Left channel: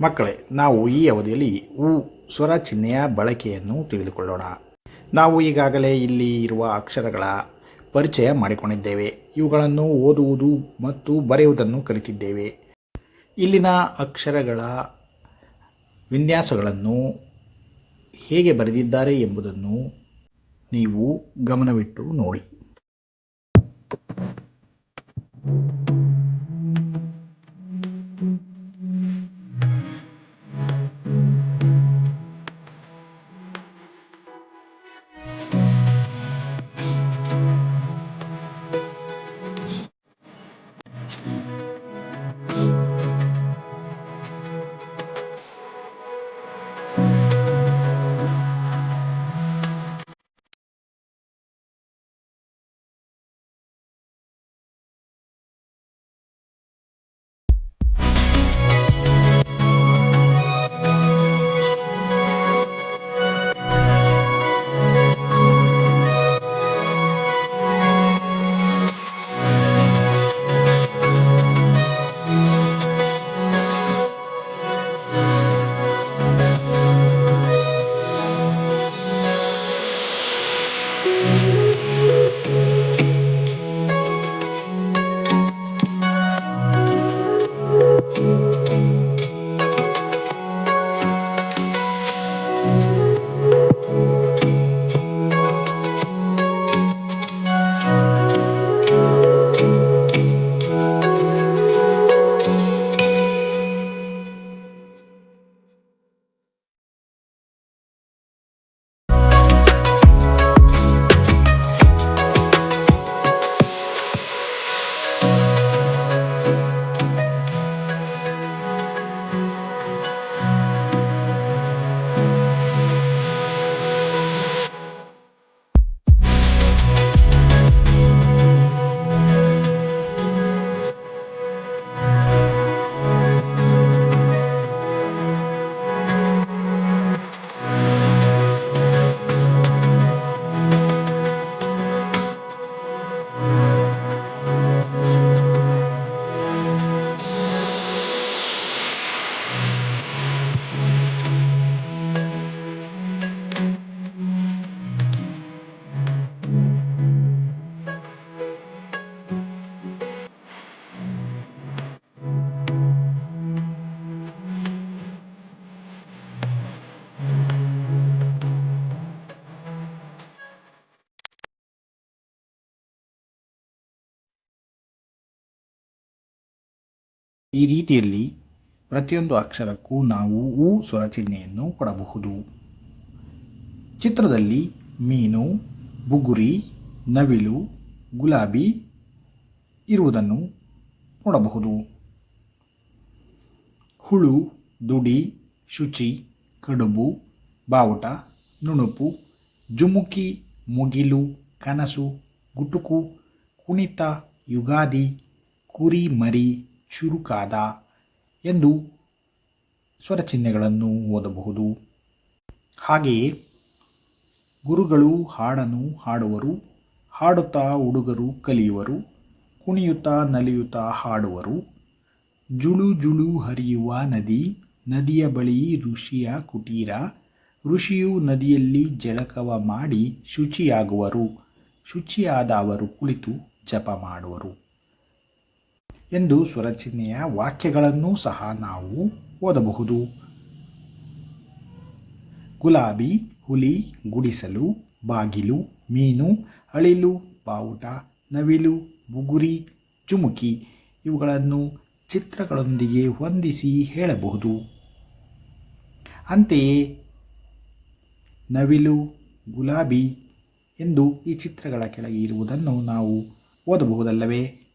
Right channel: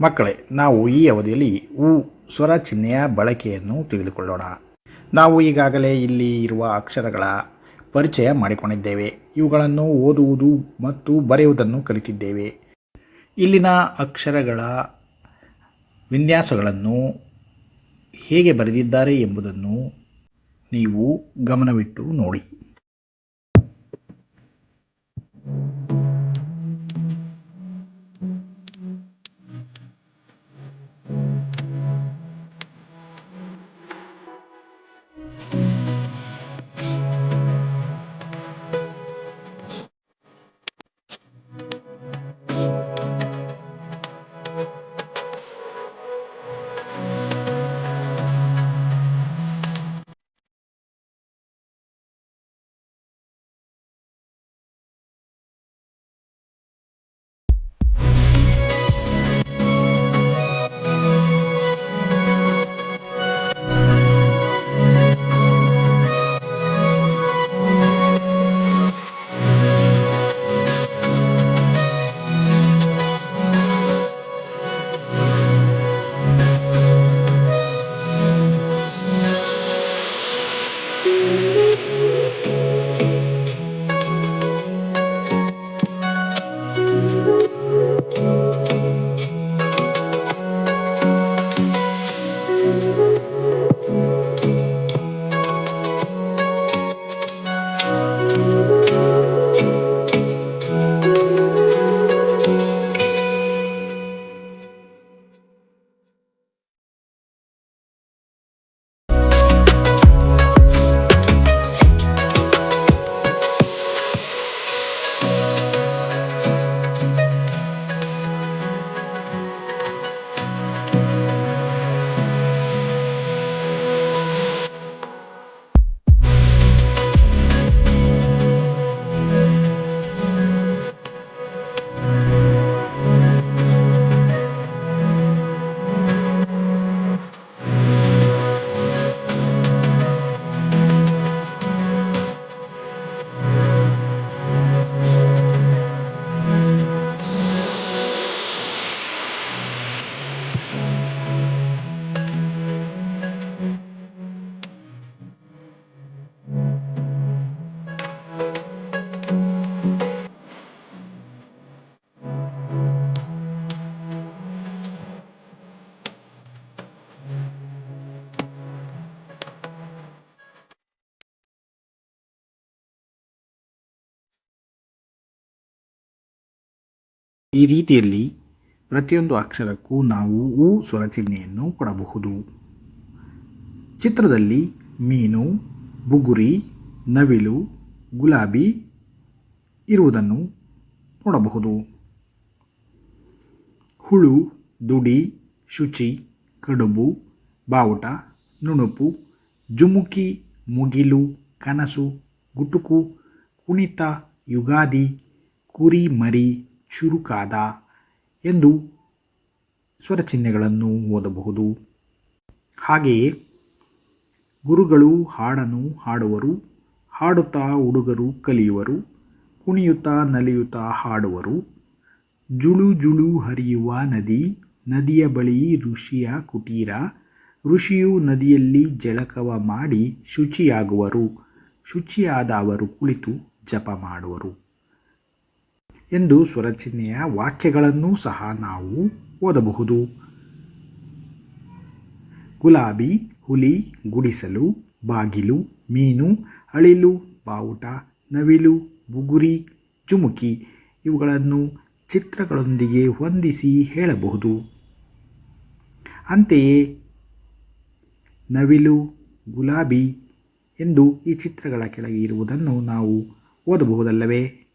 ಮಕ್ಕಳೇ, ನಾವು ಈ ಅವಧಿಯಲ್ಲಿ ಉ ಸ್ವರ ಚಿಹ್ನೆಯ ಬಳಕೆಯನ್ನು ತಿಳಿದುಕೊಳ್ಳೋಣ. ನಾವು ಈಗಾಗಲೇ ಇಲ್ಲಿ ಇರುವ ಅಕ್ಷರಗಳ ಪರಿಚಯ ಮಾಡಿಕೊಂಡಿದ್ದೇವೆ. ಇವುಗಳನ್ನು ಓದುವುದು ಮತ್ತು ಬರೆಯುವುದನ್ನು ಕಲಿತಿದ್ದೇವೆ. ಇಲ್ಲಿನ ಅಕ್ಷರಗಳ ವಿನ್ಯಾಸಗಳನ್ನು ಹೇಗೆ ಬರೆದಿದ್ದಾರೆ ಎಂಬುದನ್ನು ನೀವು ಗಮನವಿಟ್ಟು ನೋಡಿ. ಈ ರೀತಿಯಲ್ಲಿ ಪ್ರತಿಯೊಂದು ಅಕ್ಷರಕ್ಕೂ ನಾವು ಉ ಸ್ವರ ಚಿಹ್ನೆಯನ್ನು ಕೊಡಬಹುದು. ಚಿತ್ರದಲ್ಲಿ ಮೀನು, ಬುಗುರಿ, ನವಿಲು, ಗುಲಾಬಿ ಇರುವುದನ್ನು ನೋಡಬಹುದು. ಹುಳು, ದುಡಿ, ಶುಚಿ, ಕಡುಬು, ಬಾವುಟ, ನುಣುಪು, ಜುಮುಕಿ, ಮುಗಿಲು, ಕನಸು, ಗುಟುಕು, ಕುಣಿತ, ಯುಗಾದಿ, ಕುರಿ ಮರಿ, ಚುರುಕಾದ ಎಂದು ಸ್ವರಚಿಹ್ನೆಗಳನ್ನು ಓದಬಹುದು. ಹಾಗೆಯೇ ಗುರುಗಳು ಹಾಡನ್ನು ಹಾಡುವರು, ಹಾಡುತ್ತಾ ಹುಡುಗರು ಕಲಿಯುವರು, ಕುಣಿಯುತ್ತಾ ನಲಿಯುತ್ತಾ ಹಾಡುವರು, ಜುಳು ಜುಳು ಹರಿಯುವ ನದಿ, ನದಿಯ ಬಳಿ ಋಷಿಯ ಕುಟೀರ, ಋಷಿಯು ನದಿಯಲ್ಲಿ ಜಳಕವ ಮಾಡಿ ಶುಚಿಯಾಗುವರು, ಶುಚಿಯಾದ ಅವರು ಕುಳಿತು ಜಪ ಮಾಡುವರು ಎಂದು ಸ್ವರಚಿಹ್ನೆಯ ವಾಕ್ಯಗಳನ್ನೂ ಸಹ ನಾವು ಓದಬಹುದು. ಗುಲಾಬಿ, ಹುಲಿ, ಗುಡಿಸಲು, ಬಾಗಿಲು, ಮೀನು, ಅಳಿಲು, ಬಾವುಟ, ನವಿಲು, ಬುಗುರಿ, ಜುಮುಕಿ ಇವುಗಳನ್ನು ಚಿತ್ರಗಳೊಂದಿಗೆ ಹೊಂದಿಸಿ ಹೇಳಬಹುದು. ಅಂತೆಯೇ ನವಿಲು, ಗುಲಾಬಿ ಎಂದು ಈ ಚಿತ್ರಗಳ ಕೆಳಗೆ ಇರುವುದನ್ನು ನಾವು ಓದಬಹುದಲ್ಲವೇ?